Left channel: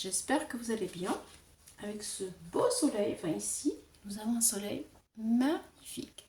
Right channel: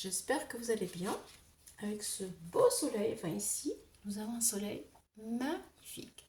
j'espère que vous allez bien avec ce beau soleil. Enfin ici, nous avons un soleil magnifique.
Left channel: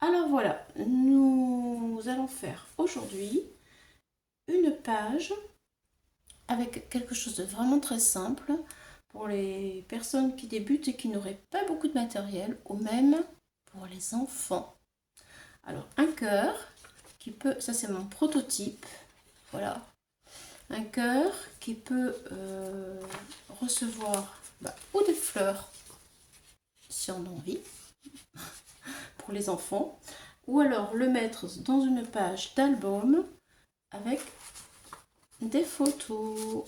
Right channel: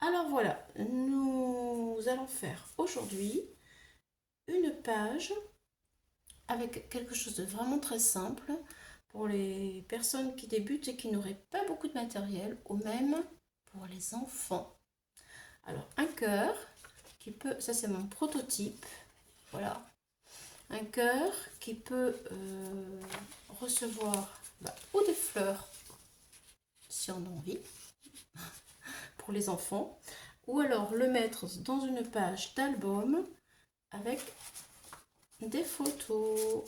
Alors voilà, nous allons faire aujourd'hui une page avec quelque chose de vraiment très simple pour les personnes qui débutent et qui n'auraient pas beaucoup de matériel, ou même pour les enfants. Alors un cœur qui peut, ça c'est mon prototype, voilà, un cœur qui peut recevoir ou des fleurs si on a envie pour les enfants, ou alors le mettre dans une page d'album avec des photos.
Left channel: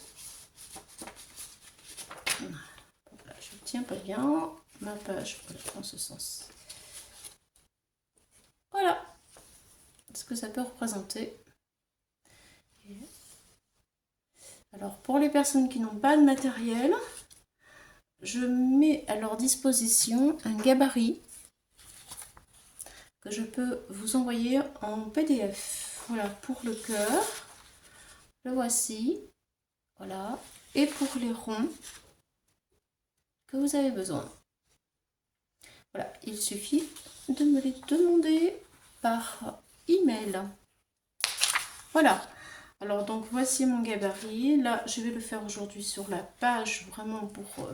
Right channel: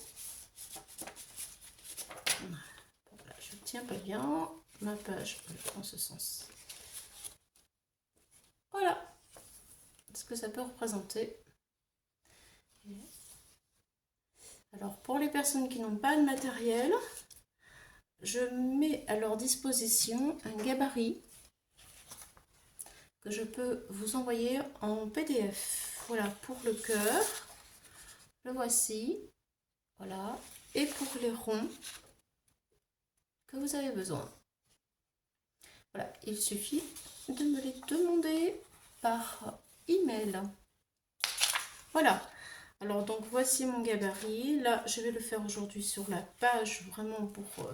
Voilà, je ne tiens pas bien ma page, voilà, dans ce sens. Voilà ce que ça peut représenter. Alors pour les personnes qui n'ont pas de matériel, je mets à leur disposition un gabarit que je peux vous envoyer en PDF. Voilà pour le cœur, le voici, voilà, et pour les ronds que vous avez besoin. Voilà, il suffit de me les demander par email. Voilà. Alors donc voici mon gabarit. Là, je vais le faire aujourd'hui sur la page, vraiment pour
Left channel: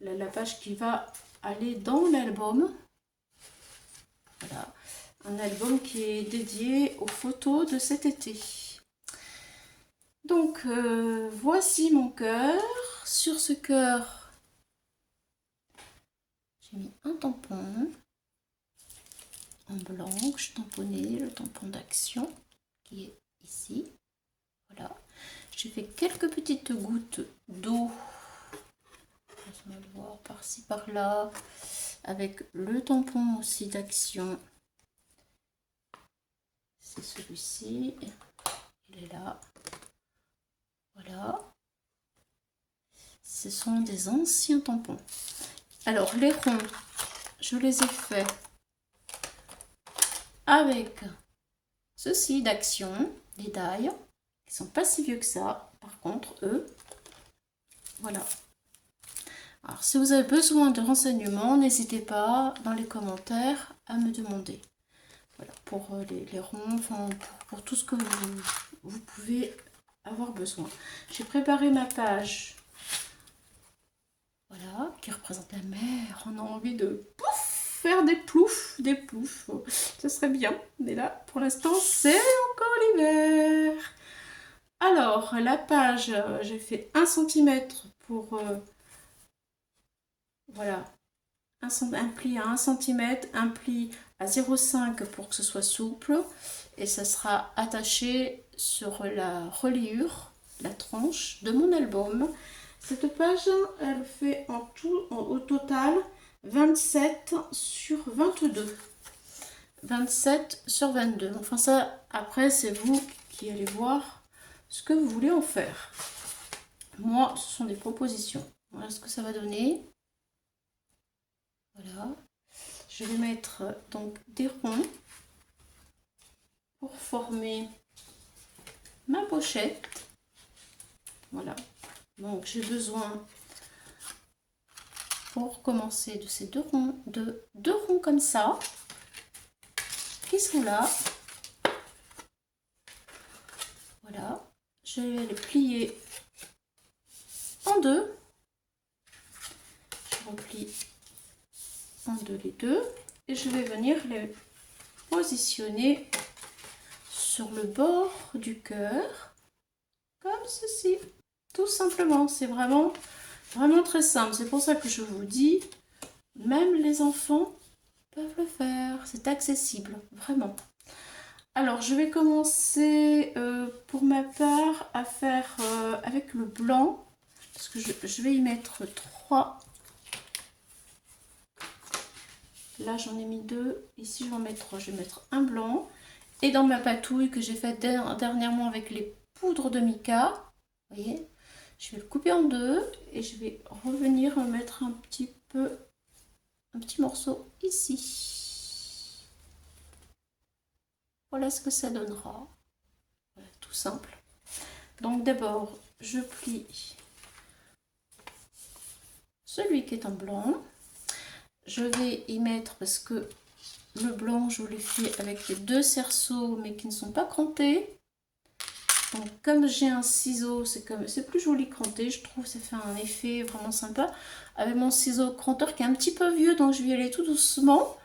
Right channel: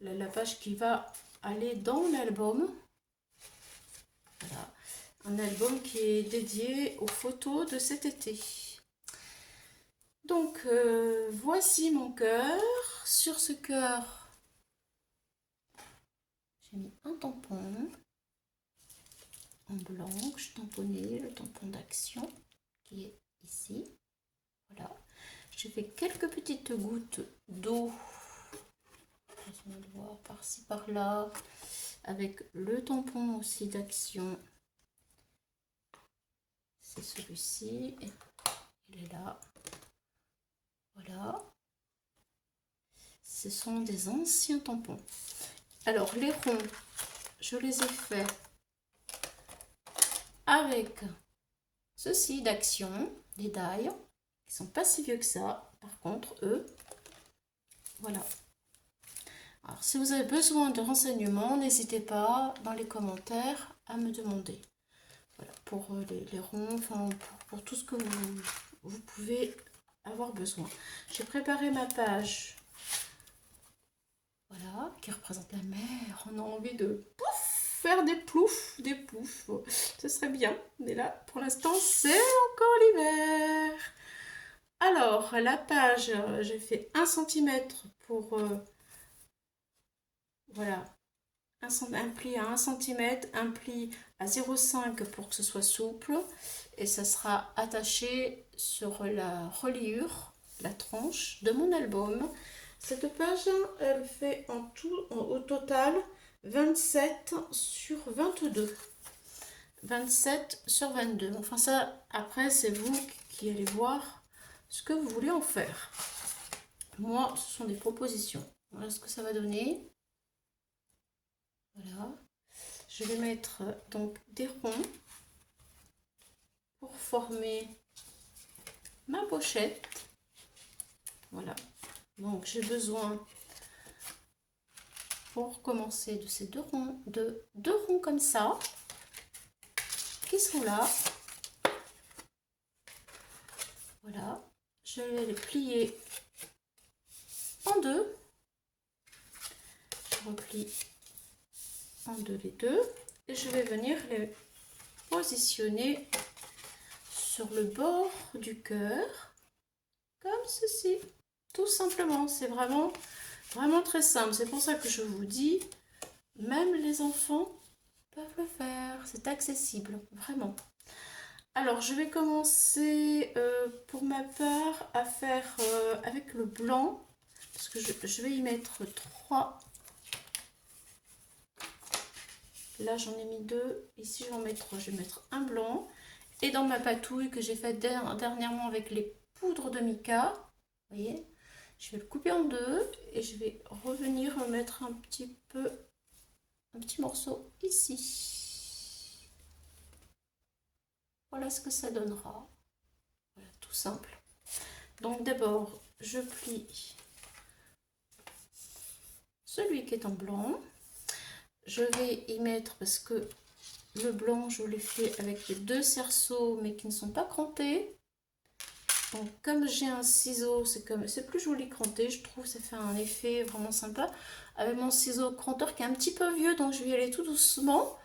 la page qui va aller dans l'album. Voilà, un album qui est dédié aux photos de cet été. Donc voici mon cœur. Sur ce cœur, j'ai mis un tampon en blanc que je tamponnais, le tampon d'action qui est ici. Voilà, j'ai fait quelques petites gouttes d'eau, on va le voir par-ci par-là, avec le tampon aussi d'action. C'est celui-ci, il est là. Voilà, ce sont des anciens tampons. Alors les ronds, je les ai faits avec ceci d'action, des die, qui sont pas si vieux que ça, par contre eux, voilà. Alors si vous avez besoin de renseignements, n'hésitez pas dans les commentaires à me demander. Voilà, pour les ronds, enfin pour tout ce que vous pouvez avoir besoin. J'ai préparé ma page, voilà, qui représente la mer. On a envie de pouf, faire des ploufs, ce serait bien. Mais là, pour l'instant, c'est encore l'hiver. Alors, la page, j'ai fait 1 cm pour, voilà, un pli à 1 cm, un pli à 0,5 pour que ce soit souple. Et ça sera attaché sur la reliure, la tranche de mon album. Cette page, elle fait en tout, au total, 27 sur 22. 27 sur 22. Enfin ça, après, c'est vous qui allez voir ce que vous voulez en faire. Moi, ce sont des propositions. Voilà ce que ça va donner. Voilà. Je vais mettre donc des ronds pour former ma pochette. Voilà. Donc j'ai besoin, pour commencer, de ces deux ronds comme ça, qui sont là. Voilà. Je vais les plier en deux. Je replie en deux les deux. Et je vais venir les positionner sur le bord du cœur, comme ceci. Tout simplement, c'est vraiment très simple. C'est pour ça que je vous dis, même les enfants peuvent le faire. C'est accessible, vraiment. Alors, je vais commencer pour ma part à faire avec le blanc, parce que je vais y mettre 3. Là, j'en ai mis 2. Ici, j'en mets 3. Je vais mettre un blanc. Et dans ma patouille que j'ai faite dernièrement avec les poudres de mica, vous voyez, je vais le couper en deux et je vais revenir mettre un petit morceau ici. Voilà ce que ça donnera. Voilà, tout simple. Donc d'abord, je plie celui qui est en blanc. Je vais y mettre, parce que le blanc, je l'ai fait avec les 2 cerceaux, mais qui ne sont pas crantés. Donc, comme j'ai un ciseau, c'est plus joli cranté, je trouve, ça fait un effet vraiment sympa. Avec mon ciseau cranteur qui est un petit peu vieux, donc je vais y aller tout doucement.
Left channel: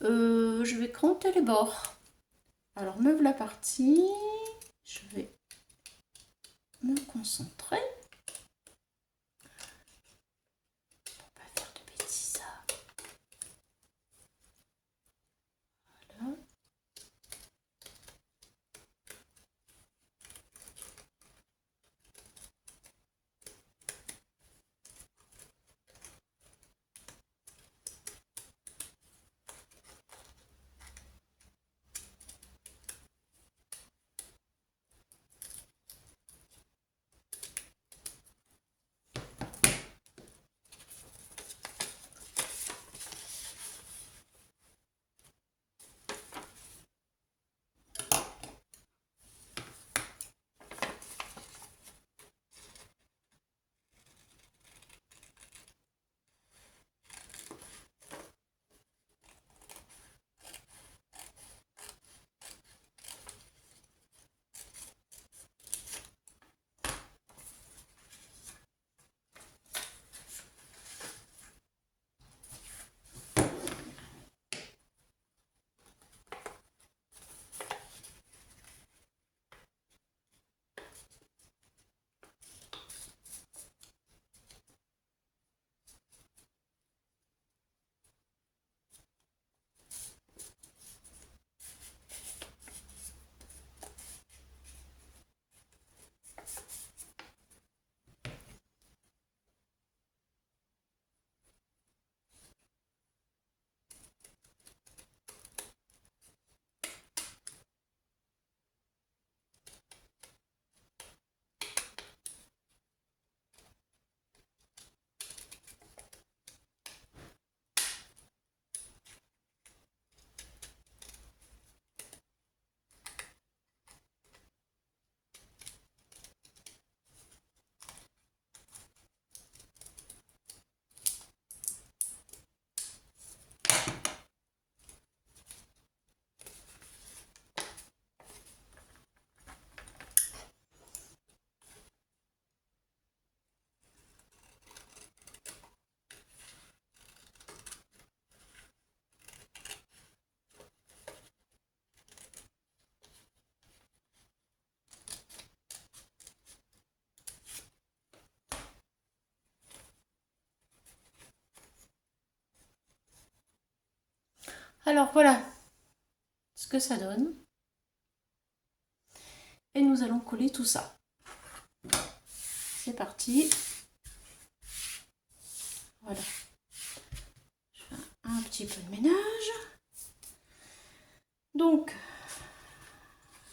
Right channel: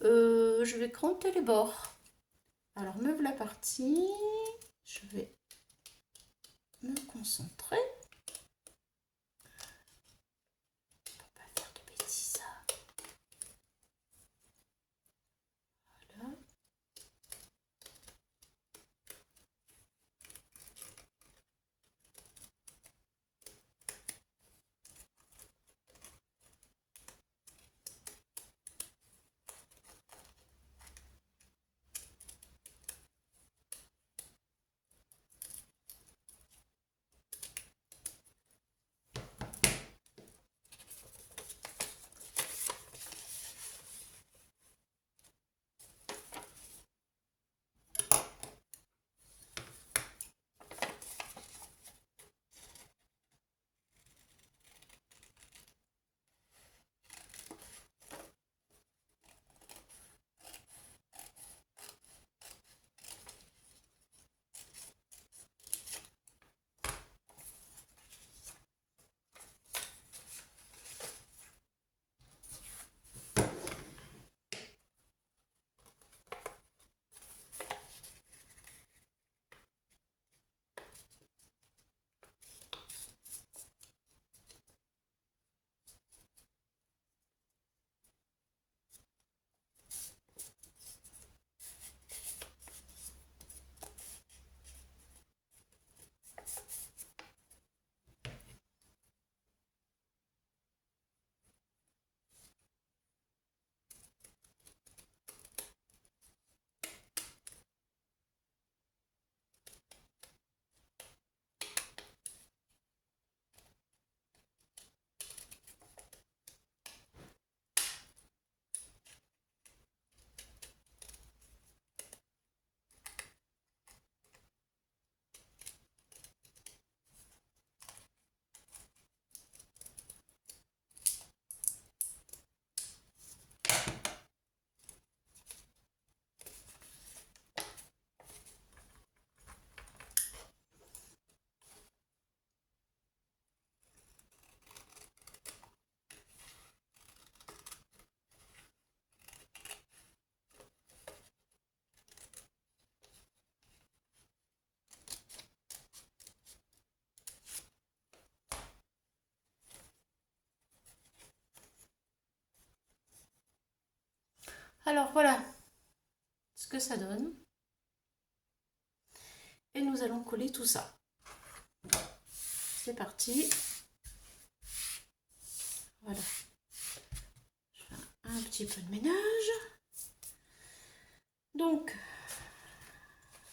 Je vais cranter les bords. Alors, me voilà partie. Je vais me concentrer. Pour pas faire de bêtises. Voilà. Alors voilà ce que ça donne. Et nous allons coller tout ça. C'est parti. Voilà. Je fais un petit peu de ménage. Donc,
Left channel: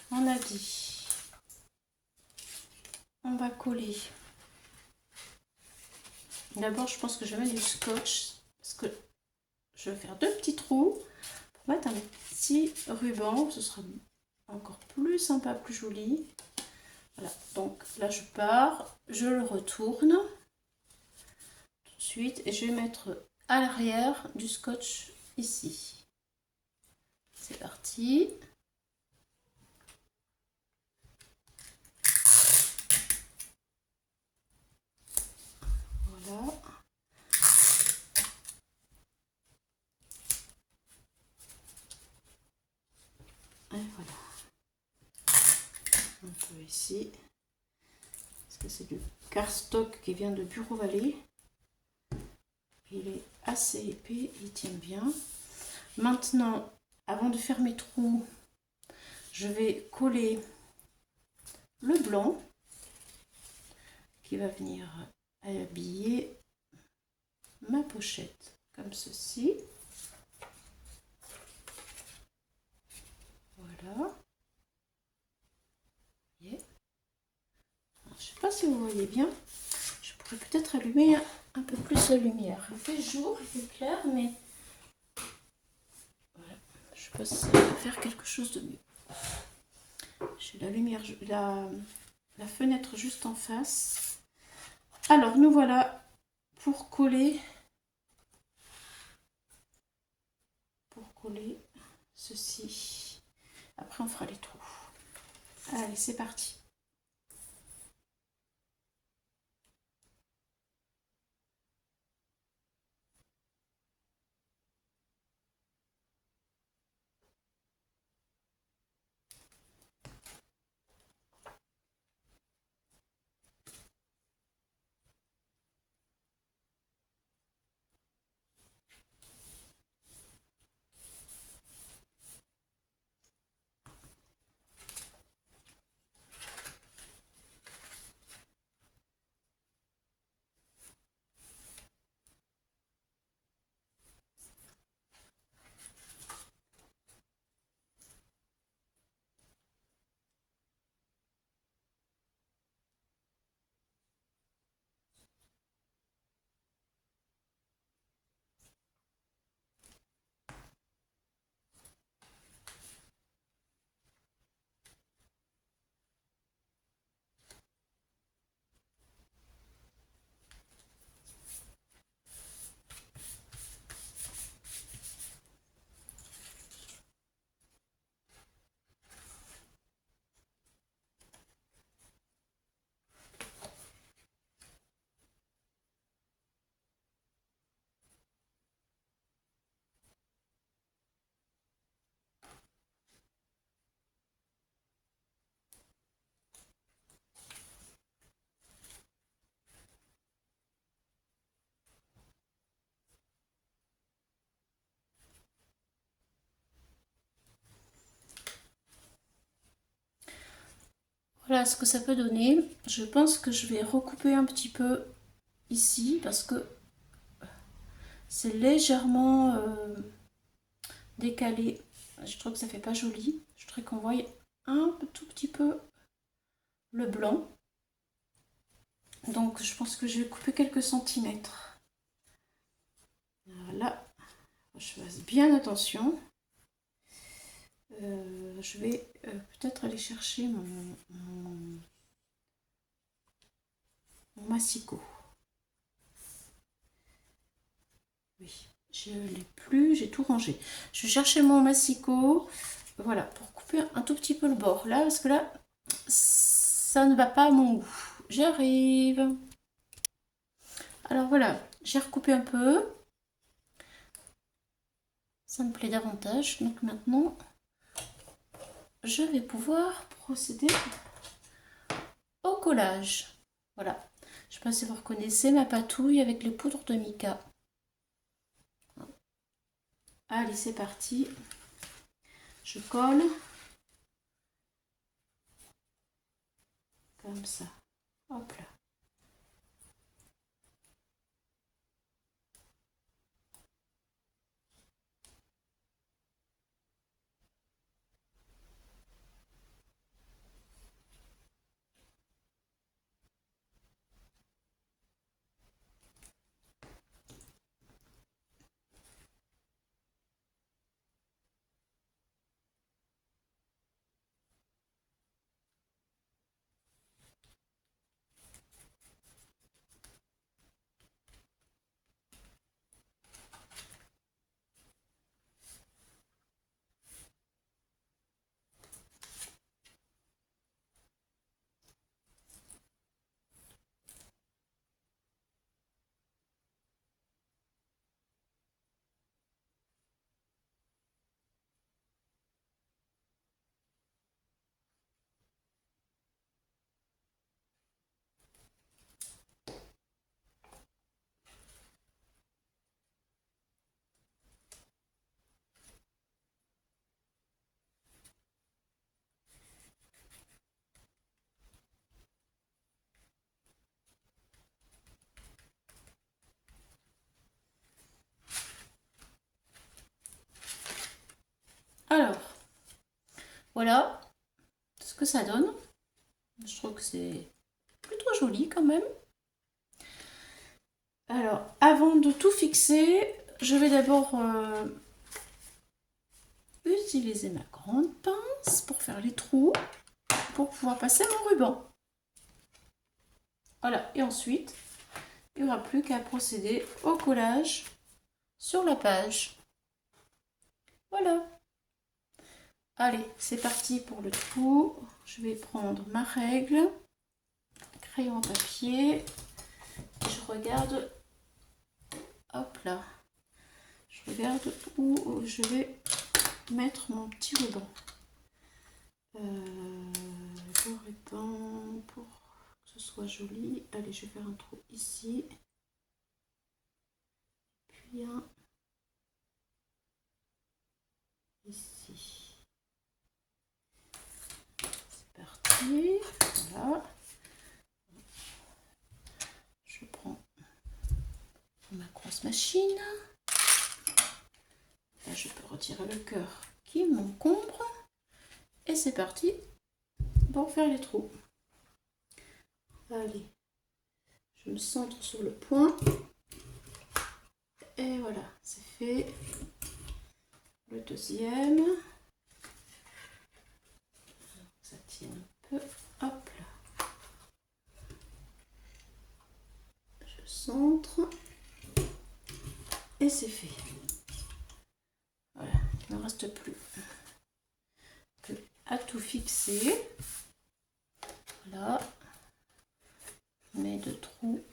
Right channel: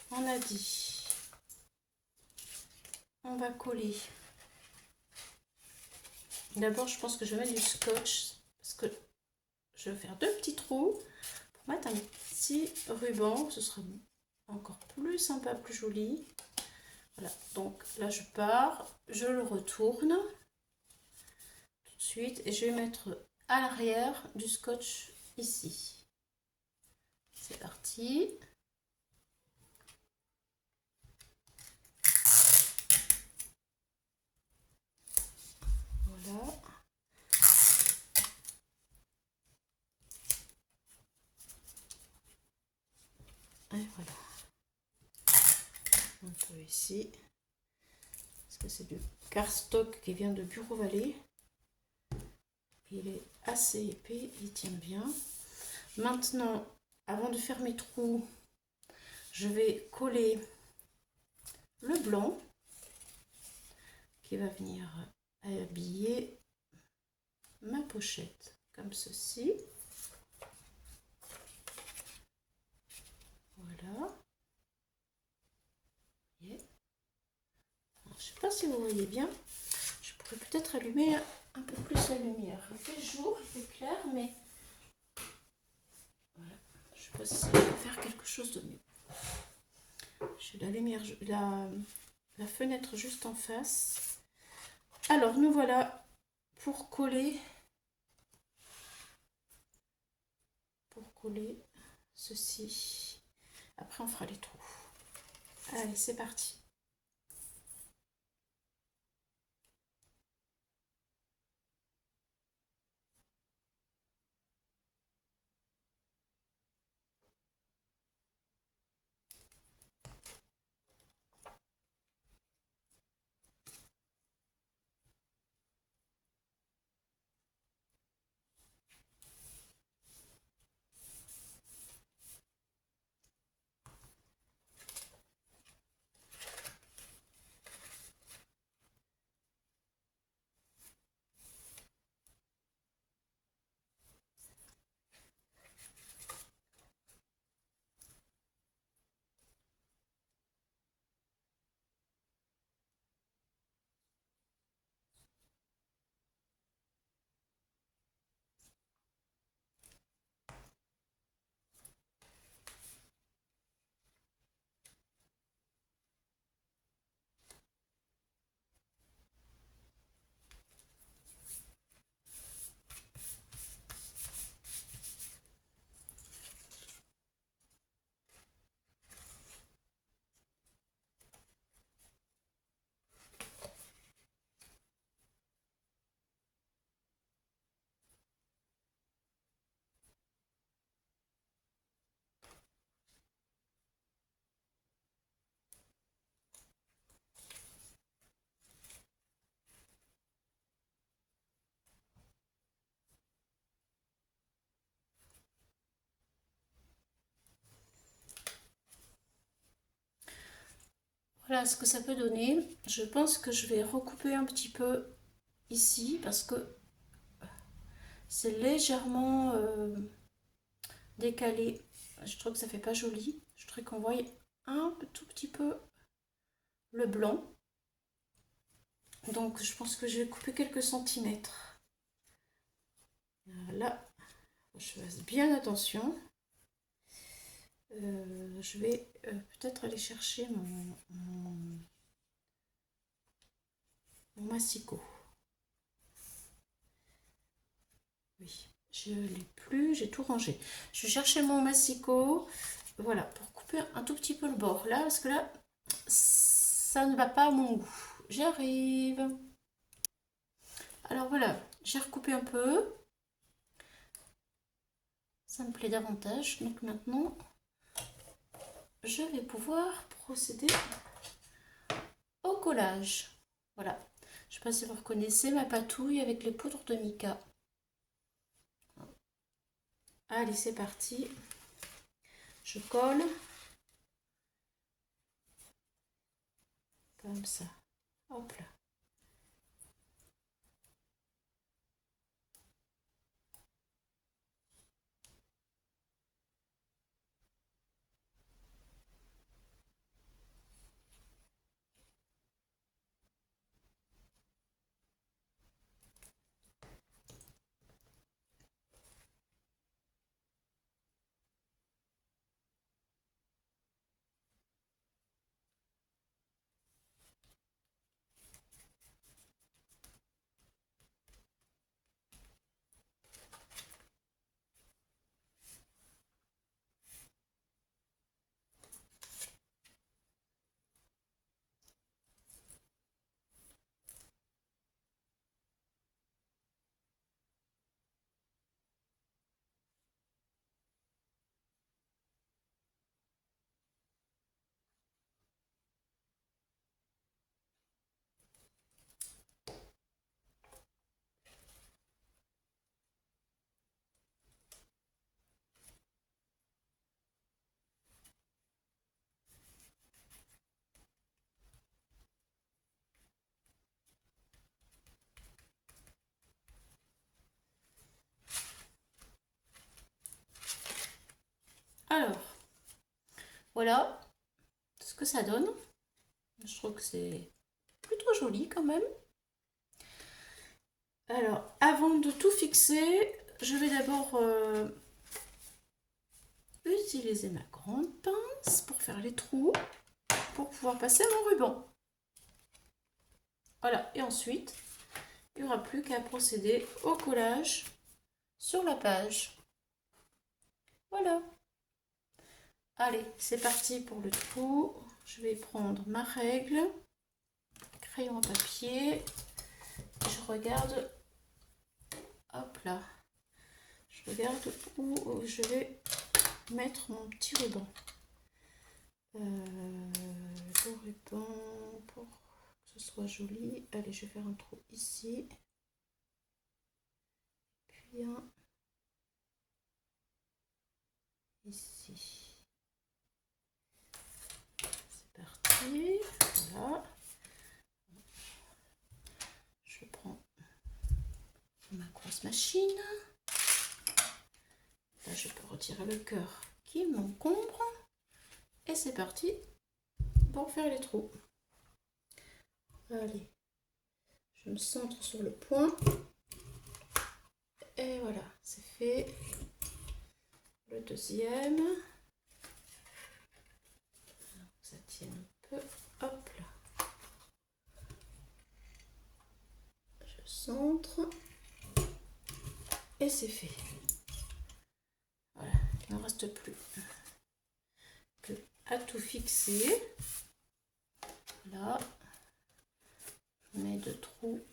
on a dit, on va coller. D'abord, je pense que je vais mettre du scotch parce que je vais faire 2 petits trous pour mettre un petit ruban. Ce sera encore plus sympa, plus joli. Voilà, donc là je pars, je le retourne tout de suite et je vais mettre à l'arrière du scotch ici. C'est parti. Voilà. Et voilà. Un peu ici. Parce que c'est du cardstock qui vient de Bureau Vallée. Il est assez épais, il tient bien. Maintenant, avant de faire mes trous, je vais coller le blanc qui va venir habiller ma pochette comme ceci. Voilà. Je ne sais pas si vous voyez bien. Je pourrais peut-être allumer un peu plus la lumière. Il fait jour, il fait clair, mais voilà. Je sais pas si ça va faire quelque chose de mieux. J'ai la lumière, la fenêtre juste en face. Alors nous voilà pour coller ceci. Après on fera les trous. Allez, c'est parti. Voilà ce que ça peut donner. Je pense que je vais recouper un petit peu ici parce que c'est légèrement décalé. Je trouve que ça fait pas joli. Je voudrais qu'on voie un tout petit peu le blanc. Donc je pense que je vais couper quelques centimètres. Voilà. Je fasse bien attention. Je vais peut-être aller chercher mon massicot. Oui, je ne l'ai plus, j'ai tout rangé. Je vais chercher mon massicot, voilà, pour couper un tout petit peu le bord là, parce que là, ça ne va pas à mon goût. J'arrive. Alors voilà, j'ai recoupé un peu. Ça me plaît davantage. Donc maintenant, je vais pouvoir procéder au collage. Voilà. Je ne sais pas si vous reconnaissez ma patouille avec les poudres de mica. Allez, c'est parti. Je colle. Comme ça. Hop là. Alors, voilà ce que ça donne. Je trouve que c'est plutôt joli quand même. Alors, avant de tout fixer, je vais d'abord utiliser ma grande pince pour faire les trous, pour pouvoir passer mon ruban. Voilà, et ensuite, il n'y aura plus qu'à procéder au collage sur la page. Voilà. Allez, c'est parti pour le trou. Je vais prendre ma règle, crayon à papier. Je regarde, hop là, je regarde où je vais mettre mon petit ruban. Le ruban, pour que ce soit joli. Allez, je vais faire un trou ici. Puis un ici. C'est parti. Voilà. Je prends ma grosse machine. Là, je peux retirer le cœur qui m'encombre. Et c'est parti pour faire les trous. Allez, je me centre sur le point. Et voilà, c'est fait. Le deuxième. Ça tient un peu. Hop là. Je centre. Et c'est fait. Voilà, il ne reste plus à tout fixer. Voilà. Mes deux trous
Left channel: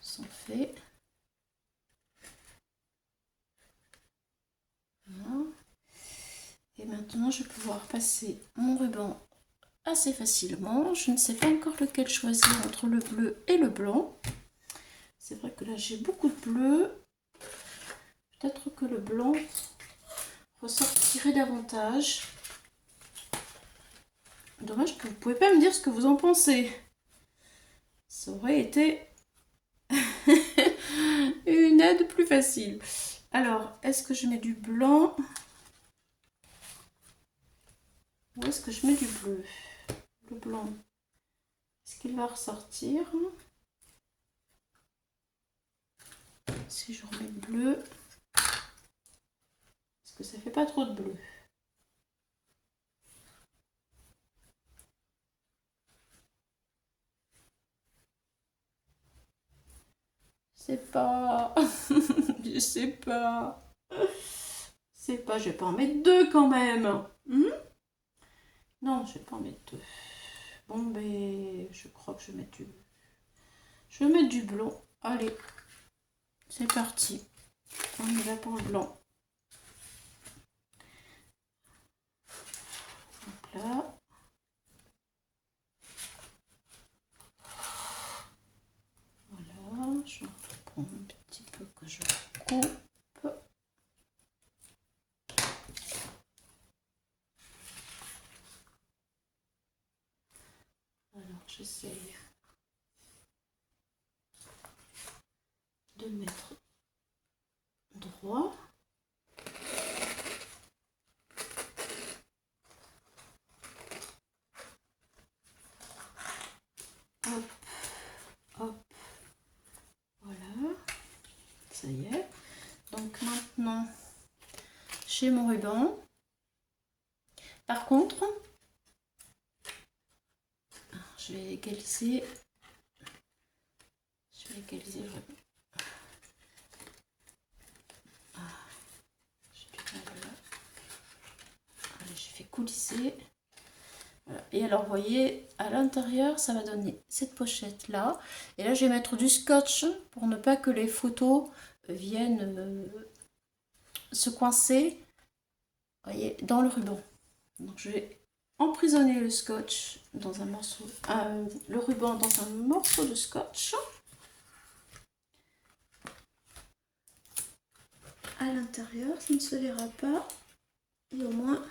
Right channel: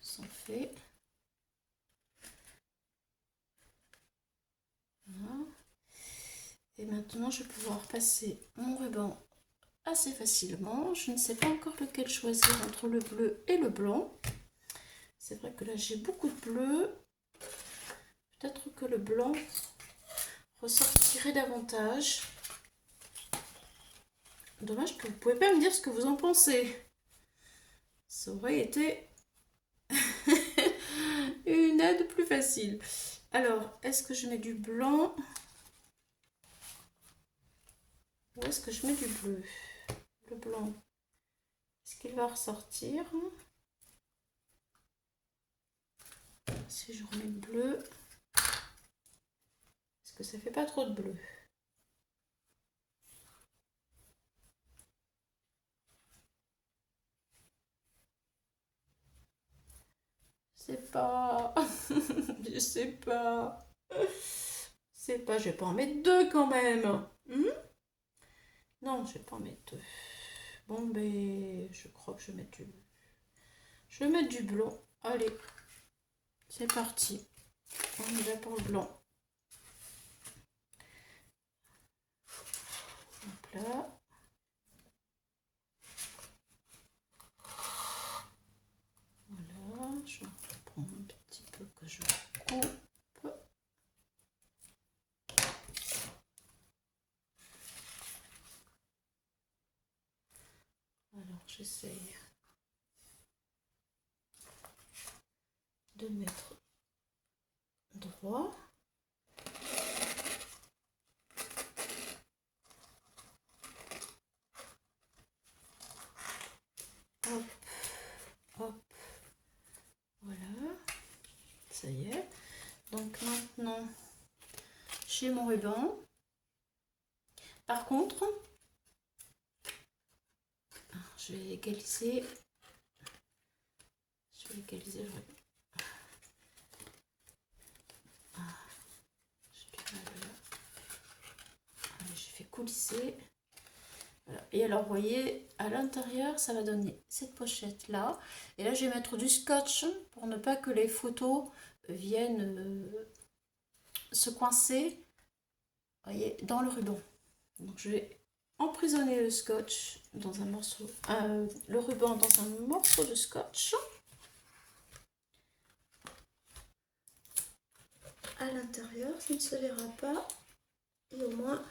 sont faits. Voilà. Et maintenant, je vais pouvoir passer mon ruban assez facilement. Je ne sais pas encore lequel choisir entre le bleu et le blanc. C'est vrai que là, j'ai beaucoup de bleu. Peut-être que le blanc ressortirait davantage. Dommage que vous ne pouvez pas me dire ce que vous en pensez. Ça aurait été une aide plus facile. Alors, est-ce que je mets du blanc ou est-ce que je mets du bleu? Le blanc, est-ce qu'il va ressortir? Si je remets le bleu, est-ce que ça fait pas trop de bleu? C'est pas... je sais pas. C'est pas... Je vais pas en mettre deux quand même. Non, je vais pas en mettre deux. Bon, ben... Je crois que je vais mettre du... Je vais mettre du blanc. Allez. C'est parti. On y va pour le blanc. Donc là. Voilà. Je prends un petit peu que je coupe. Alors, j'essaye de mettre droit. Hop, hop, voilà, ça y est. Donc maintenant, j'ai mon ruban. Par contre, je vais égaliser le ruban. J'ai fait coulisser. Voilà. Et alors, vous voyez, à l'intérieur, ça va donner cette pochette-là. Et là, je vais mettre du scotch pour ne pas que les photos viennent se coincer, vous voyez, dans le ruban. Donc, je vais emprisonner le scotch dans un morceau, le ruban dans un morceau de scotch. À l'intérieur, ça ne se verra pas. Et au moins,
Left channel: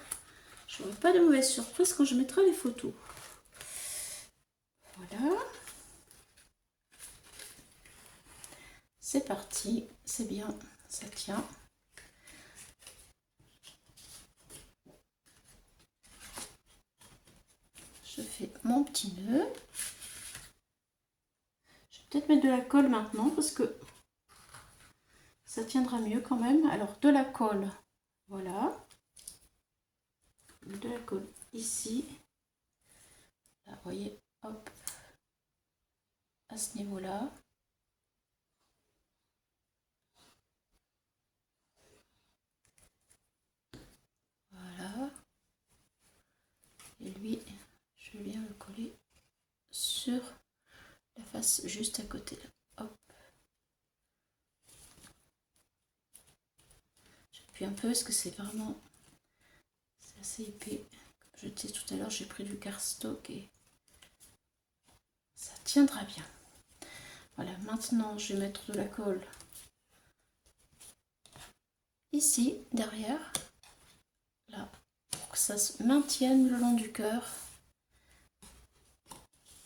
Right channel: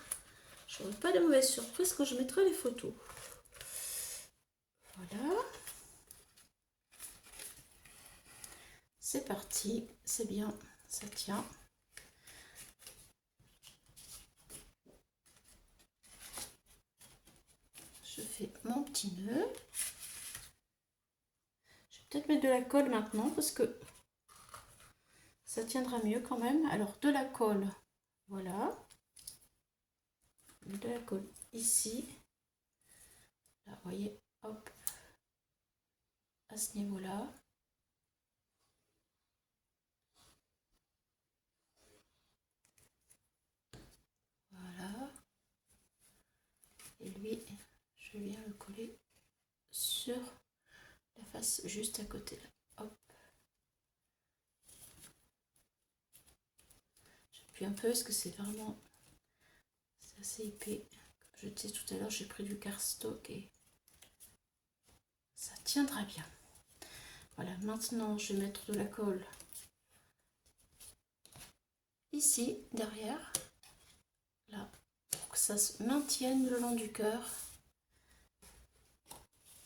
je n'aurai pas de mauvaise surprise quand je mettrai les photos. Voilà. C'est parti. C'est bien. Ça tient. Je fais mon petit nœud. Je vais peut-être mettre de la colle maintenant parce que ça tiendra mieux quand même. Alors, de la colle. Voilà. De la colle ici. Là, vous voyez, hop. à ce niveau-là. Voilà. Et lui, je viens le coller sur la face juste à côté. Hop. J'appuie un peu parce que c'est vraiment... c'est assez épais. Comme je disais tout à l'heure, j'ai pris du cardstock et ça tiendra bien. Voilà, maintenant je vais mettre de la colle ici, derrière, là, pour que ça se maintienne le long du cœur.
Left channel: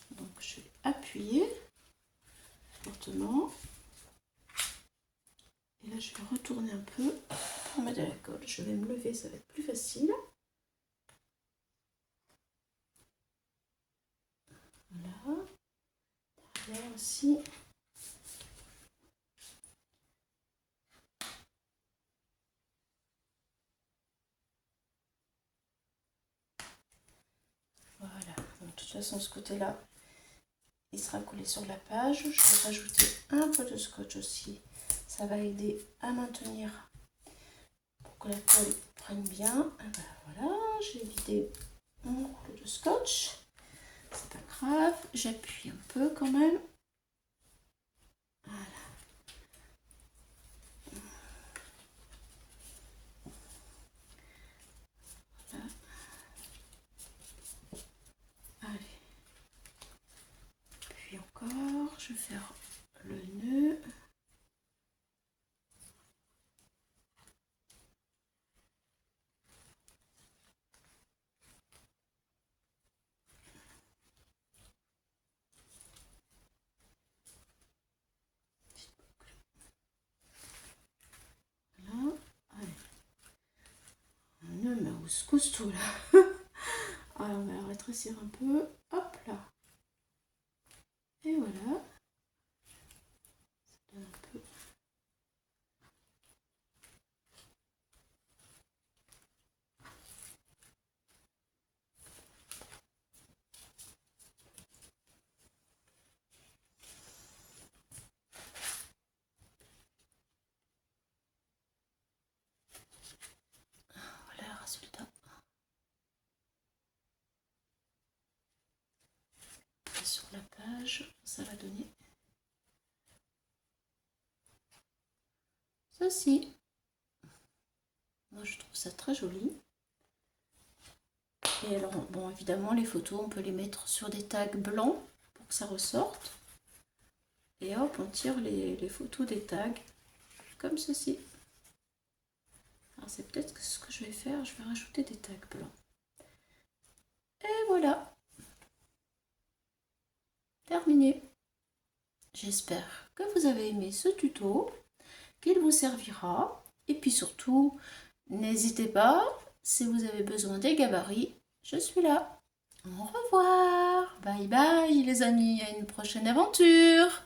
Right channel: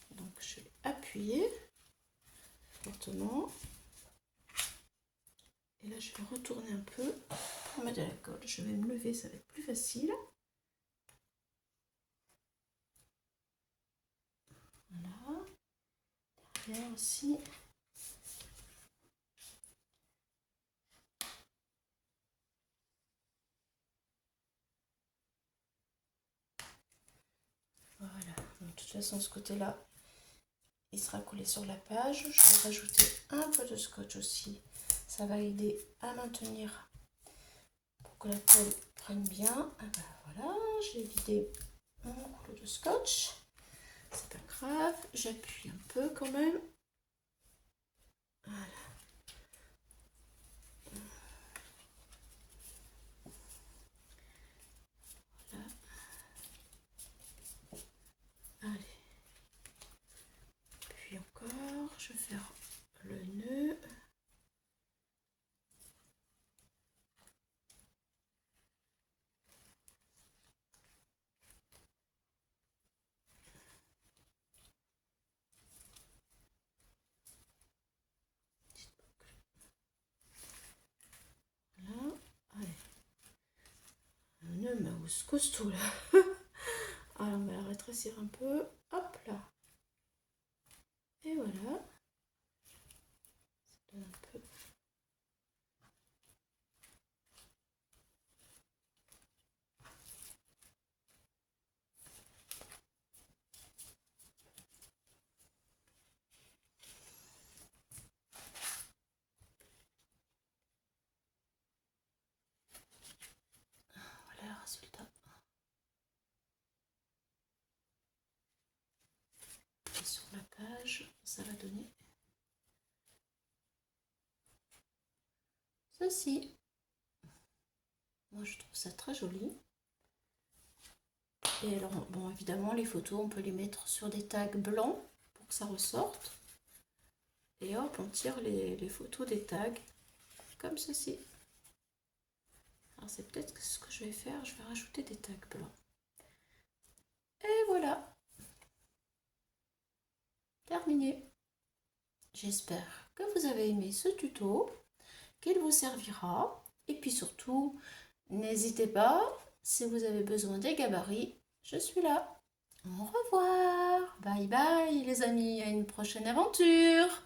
Donc je vais appuyer fortement. Et là je vais retourner un peu pour mettre de la colle. Je vais me lever, ça va être plus facile. Voilà. Derrière aussi. Voilà. Donc, de toute façon, ce côté-là, il sera collé sur la page. Je vais rajouter un peu de scotch aussi. Ça va aider à maintenir pour que la colle prenne bien. Et ben voilà, j'ai vidé mon rouleau de scotch. C'est pas grave, j'appuie un peu quand même. Voilà. Voilà. Allez. Puis encore, je vais faire le nœud. Voilà. Allez. Un nœud mouse costaud là. Alors on va la rétrécir un peu. Hop là. Et voilà. Ça donne un peu. Voilà le résultat. Et sur la page, ça va donner ceci. Moi je trouve ça très joli. Et alors, bon, évidemment, les photos, on peut les mettre sur des tags blancs pour que ça ressorte. Et hop, on tire les photos des tags comme ceci. Alors, c'est peut-être ce que je vais faire. Je vais rajouter des tags blancs. Et voilà. Terminé. J'espère que vous avez aimé ce tuto, qu'il vous servira. Et puis surtout, n'hésitez pas, si vous avez besoin des gabarits, je suis là. Au revoir. Bye bye les amis, à une prochaine aventure.